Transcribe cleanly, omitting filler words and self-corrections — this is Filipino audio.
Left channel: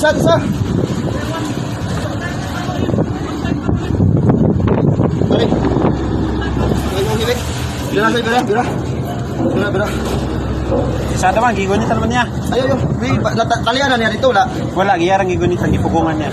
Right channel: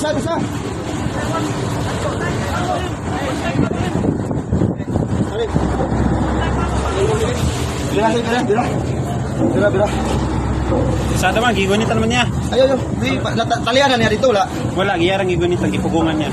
Isa. Bira. Sa naman, gigunitan naman niya. Ayo. May talianan niya dito, wala. Wala, giyarang gigunitan, gipugungan niya.